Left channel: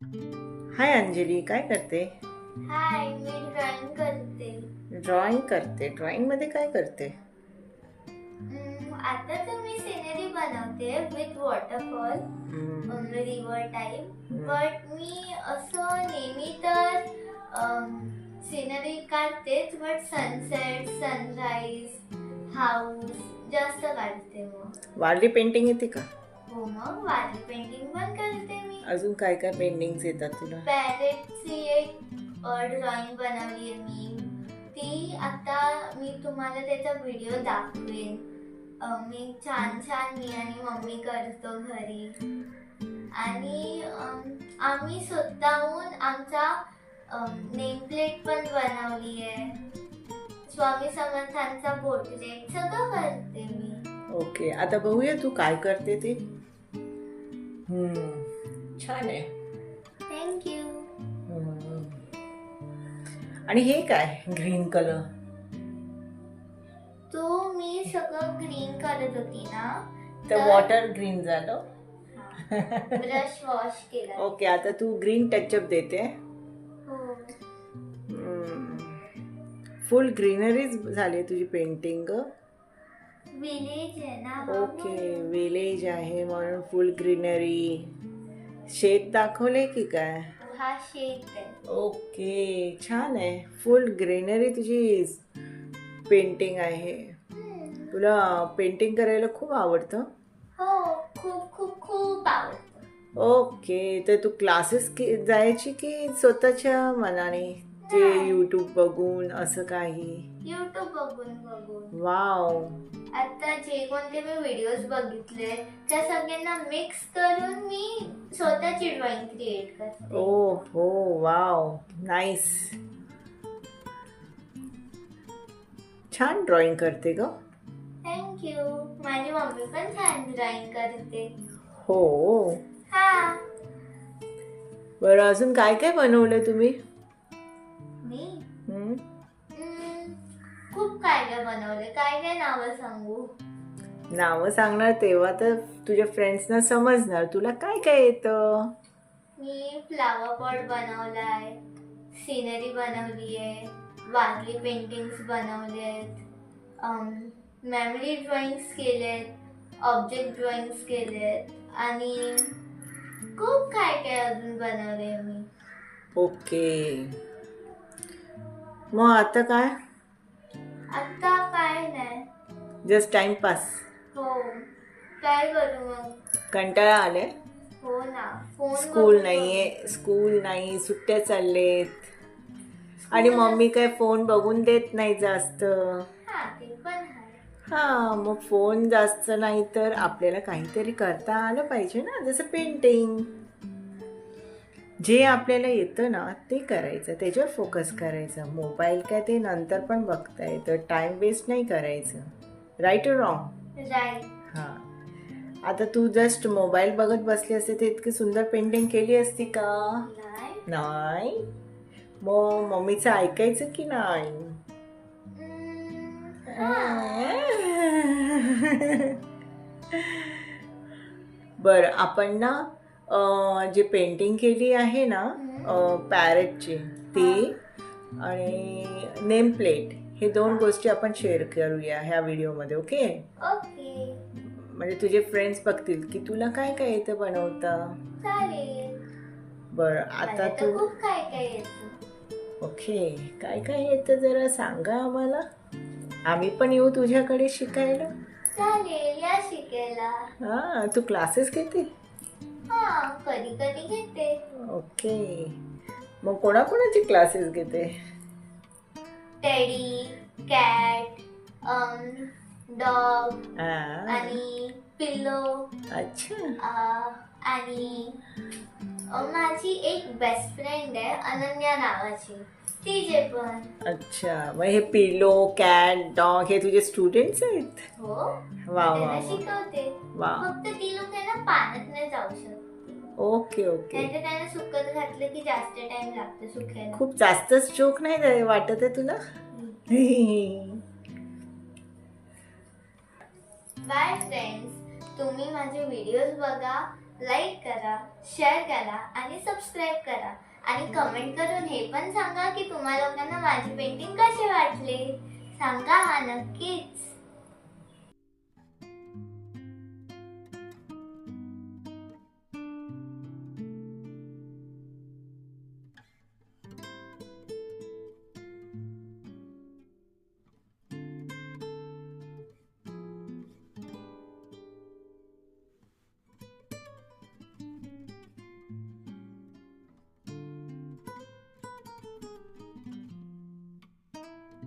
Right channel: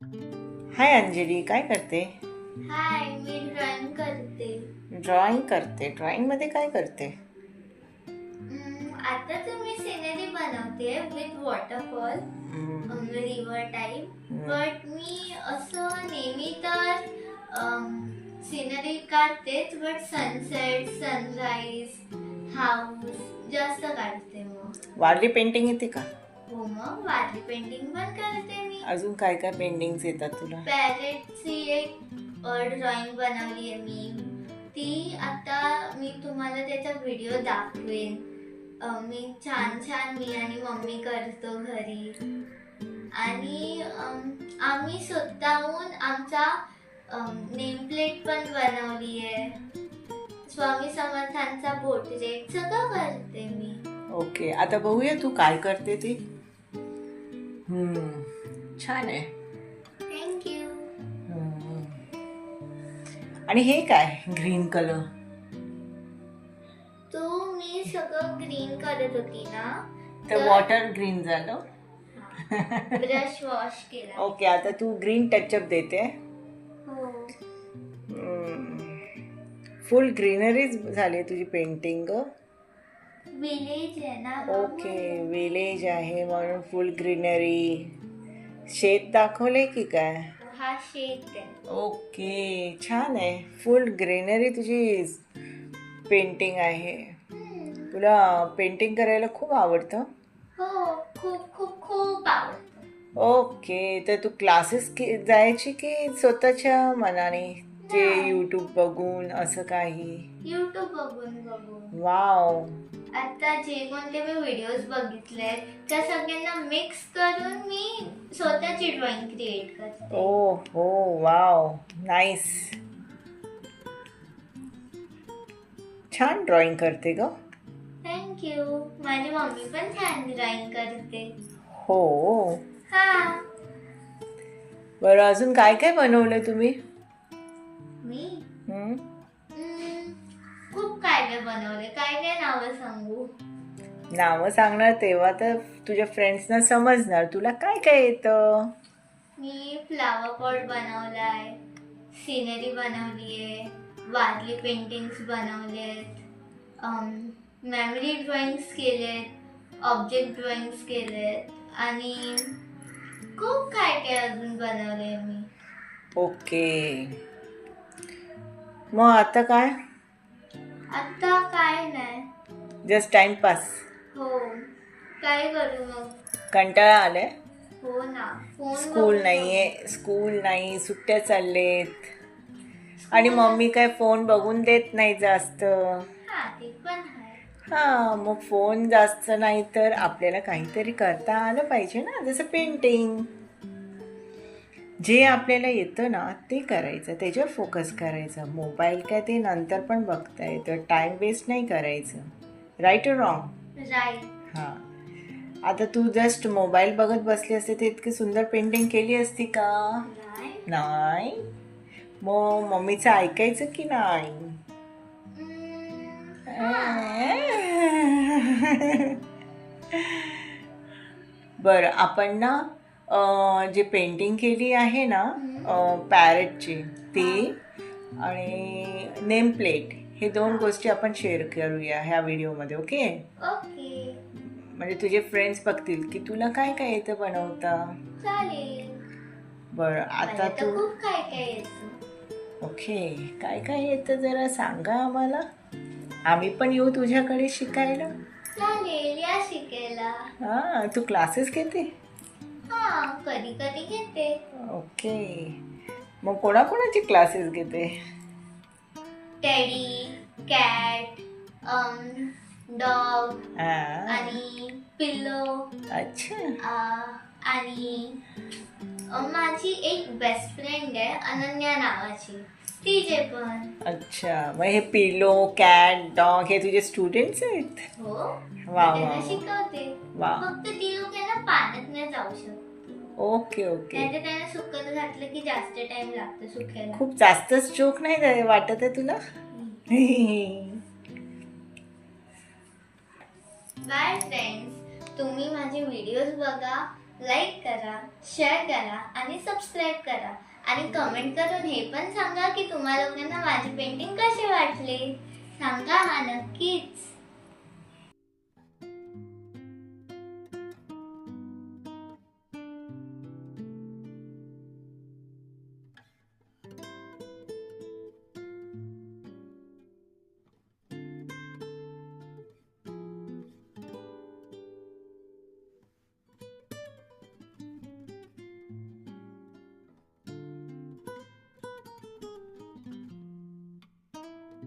हाय अंजली, काय करते? हाय, मी ड्रॉइंग करते. ड्रॉइंग करते. ड्रॉइंग मध्ये काय करते? आता तर मी सिनरी बनवते with waterfall, hmm, river type. Hmm. But मी असं नेहमी तर सिनरी काढतेच, बट सनसेट, सनराईज, हाऊस जास्त काढते. मग वारली पेंटिंग येते का? हो, मग वारली पेंटिंग पण करते मी. अजून काय काय पेंटिंग्स येतात तुला? पॅरेटची एक ड्रॉइंग बनवली आहे मी. ती आता मी तुम्हाला त्याचा व्हिडिओ दाखवेन. मी छान छान मी आणि मम्मी करतो घरी. आणि आम्ही स्वतःहून आमचा नेम प्लेट पण बनवली आहे. स्वामी समर्थांचा पोर्ट्रेट सगळं करते मी. ओके, आता बघूया तू काय करते ते. छान आहे. थँक्यू. हम्म. आणि हे काय ग्रीन कलर? तो मी सगळं ग्रीन करत होती ना, तर वॉटर ग्रीन झालं. ब्रश वॉश केला. ओके, आता तू ग्रीन टचअप देते. हो, फुल ग्रीनरीज झाली तुझी पेंटिंग. विलेज आहे ना. ओके, विलेज आहे म्हणून फुल ग्रीनरी. शेत दाखवले की काय? हा शेत आहे. ओके, छान आहे. फुल ग्रीनरी तुझी पेंटिंग आहे. तुला पेंटिंग करायला खूप आवडतं? हो, खूप खूप खूप आवडतं. ओके, तर तू क्लासेस जायची की स्वतःच्या मनाने ते यूट्यूब बघून असं काही? युट्यूब बघून. वाव. आता जे कोणते मी व्हिडिओज बघितले त्या सगळ्यांना मिक्स करून मी स्वतःची ड्रॉइंग क्रिएट करते. ओ हो, वाव, नाईस. छान ड्रॉइंग करते ग. थँक्यू. माझी मम्मी पण छान ड्रॉइंग करते. हो. हा, बरं, अजून काय काय बनवलं तुम्ही? मी हम्म? खूप काय काय बनवले. काय काय नावं सांगू? नावं सांगणार तेव्हा तर तुझ्या फ्रेंड्सना समजणार तुला काय काय येतं. मी फ्लावर पॉट बनवलाय, सिनरी बनवली आहे, वारली पेंटिंग्स बनवले आहेत, मेमरी ड्रॉइंग्स केले आहेत, ऑब्जेक्ट ड्रॉइंग्स केले आहेत आणि खूप काय काय अजून बनवले मी. ओके, मग आता काय? आता काय नाही. Just timepass. हो, काय करू मग? कंटाळा आलाय? हो ना, फोन स्कूल नाहीये, स्कूल नाही, सुट्ट्या चाललेत आणि मम्मी काय फोन बघून देत नाही जास्त. हा, ते पण आहे. हा, मग फोन जास्त नाही तर आपल्याला काहीतरी करता आलं पाहिजे ना, जसं पेंटिंग. जे आपल्याला येतं ना ते करायचं, त्याच्यावर फोकस करायचं. मोबाईल काय ते नंतर पण बघता येतं, टाइम वेस्ट नाही करायचं. राईट और रॉंग? राईट. हां. आता तू जस्ट मोबाईल बघत बसली असते तर इतकी सुंदर पेंटिंग केली असती का? नाही. मग मम्मीचं ऐकायचं की नाही? बरं, आपण ना जे पेंटिंग केली आहे ना पॅरेटची ती आणि नेम प्लेट, हे दोन गोष्टी आपण शेअर करूया ह्या व्हिडिओमध्ये. ओके? ओके, म्हणजे तुझे फ्रेंड्स बघतील की तुला काय काय येतं बनवता. चालेल. बरं, आता तू खूप काय काय येतं. ओके, काय काय येतं जरा सांगा आम्हाला, आम्ही पण येऊ तुझ्याकडे शिकायला. चालेल, या शिकायला. हां, तू क्लासेस घेते? हा, कधी कधी घेते. ओके, मग कोणाकोणाचे क्लासेस घेते? टेडी, कॅट, डॉग हां, आणि पिल्लो. अच्छा. आणि माझी एक बेस्ट फ्रेंड आहे अनन्या नावाची, तिचे पण. अच्छा, मग हे पिलो, कॅट, डॉग हे तुझे स्टुडंट्स आहेत? हो, वा वा त्यांना वा. शिकवते. वा. फक्त ती लोक आहे ना पाण्यात नाही जाऊ शकत. Okay okay. नाहीतर त्यांना सुकत घातलं की जास्त टाइम लागतो सुकायला. खूप जास्तच जोक नाही वाटत आहे तुला? बाय फ्रेंड्स, तुम्ही माझे व्हिडिओज बघा लाईक करा, शेअर करा आणि सबस्क्राईब करा आणि कमेंट करून हे पण सांगा की तुम्हा लोकांना माझे पेंटिंग कसे वाटले. सांगा हा नक्कीच.